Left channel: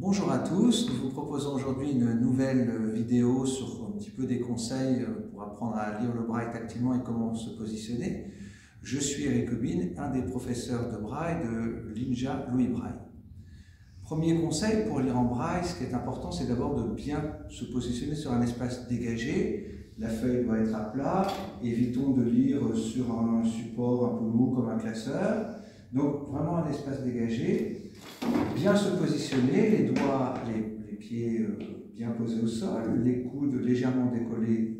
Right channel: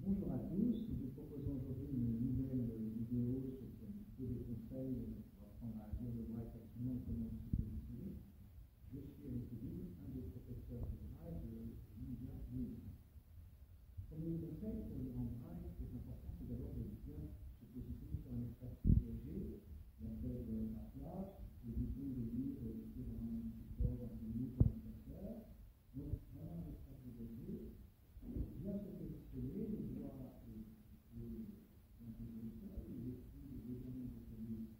Bonjour à tous, nous vous proposons aujourd'hui une nouvelle vidéo sur un petit peu des conseils pour apprendre à lire le braille tactilement et comment se positionner. Je suis Eric Aubin, un des professeurs de braille de l'INJA Louis Braille. Premier conseil pour lire en braille, ce qui est important, c'est d'abord de bien se positionner sur un espace dégagé. La feuille doit être à plat, évitons de lire sur un support un peu lourd comme un classeur. Donc vraiment un espace dégagé. Bien se positionner, les doigts, les pieds bien posés au sol, les coudes légèrement décollés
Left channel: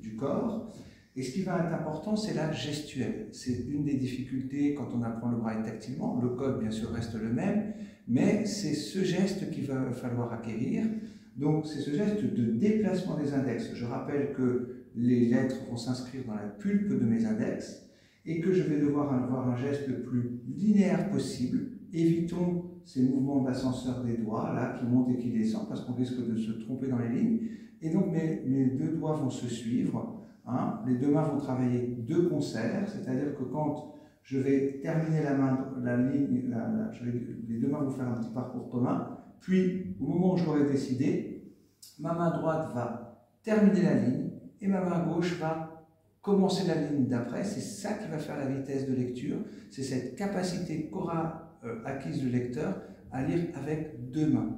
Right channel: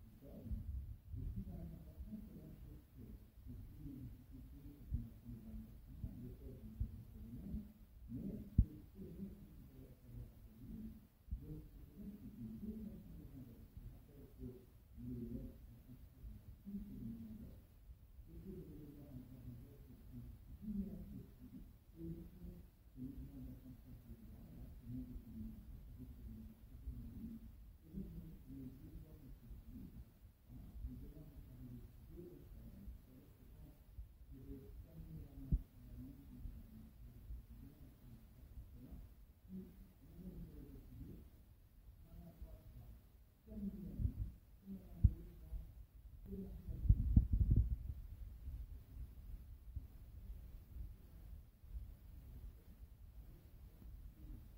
du corps. Et ce qui va être important, c'est la gestuelle. C'est une des difficultés quand on apprend le braille tactilement. Le code, bien sûr, reste le même, mais c'est ce geste qu'il va falloir acquérir. Donc, c'est ce geste de déplacement des index. Je rappelle que les lettres vont s'inscrire dans la pulpe de mes index et que je vais devoir avoir un geste le plus linéaire possible. Évitons ces mouvements d'ascenseur des doigts là, qui montent et qui descendent parce qu'on risque de se tromper dans les lignes. Et donc mes deux doigts vont se suivre. Les deux mains vont travailler de concert, c'est-à-dire que quand je vais terminer la ligne, les deux mains vont faire un petit parcours commun. Puis, au moment où je l'aurai décidé, ma main droite va terminer la ligne et ma main gauche va commencer la ligne d'après. C'est ça qui va faire la vitesse de lecture. C'est cette capacité qu'aura acquise le lecteur à lire avec deux mains.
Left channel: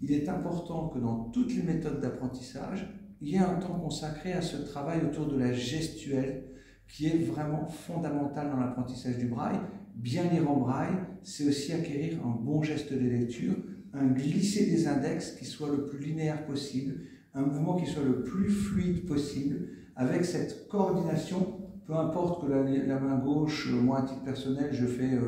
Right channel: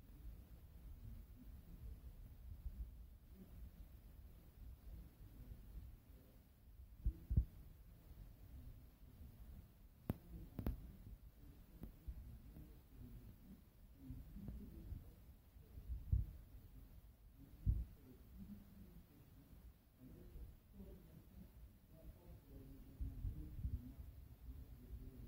Il est important que dans toutes les méthodes d'apprentissage, il y ait un temps consacré à ce travail autour de la gestuelle qui est vraiment fondamental dans l'apprentissage du braille. Bien lire en braille, c'est aussi acquérir un bon geste de lecture, un glisser des index qui soit le plus linéaire possible, un mouvement qui soit le plus fluide possible, avec cette coordination. Peu importe que la main gauche, moi à titre personnel, je fais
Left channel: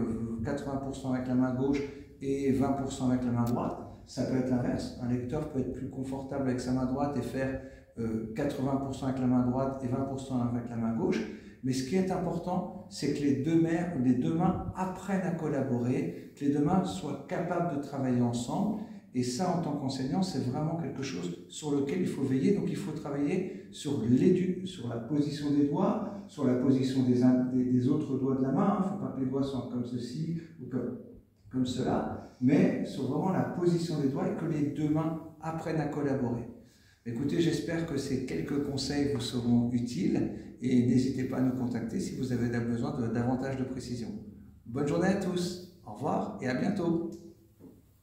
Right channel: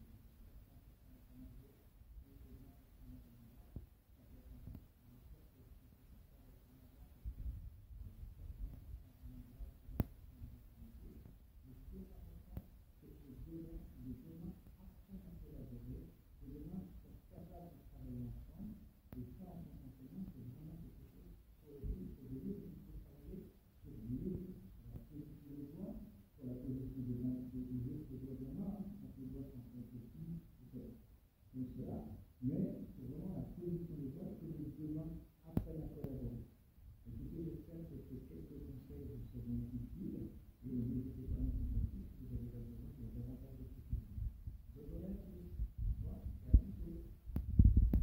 80% avec la main gauche et 20% avec la main droite. Ça peut être l'inverse. Un lecteur peut être plus confortable avec sa main droite et faire 80% avec la main droite et 20% avec la main gauche. Mais ce qui est important, c'est que les deux mains apprennent à collaborer, que les deux mains soient capables de travailler ensemble. Et ça, en tant qu'enseignant, c'est vraiment quelque chose sur lequel il faut veiller. Donc il faut travailler sur la position des doigts, sur la position des autres doigts de la main. Il ne faut pas que les doigts soient comme ceci ou comme cela, mais sur vraiment la position des doigts et que les deux mains apprennent à collaborer. Écoutez, j'espère que ces quelques conseils vous seront utiles et n'hésitez pas à nous contacter si vous avez besoin de davantage de précision. Bonne journée à tous, au revoir et à bientôt.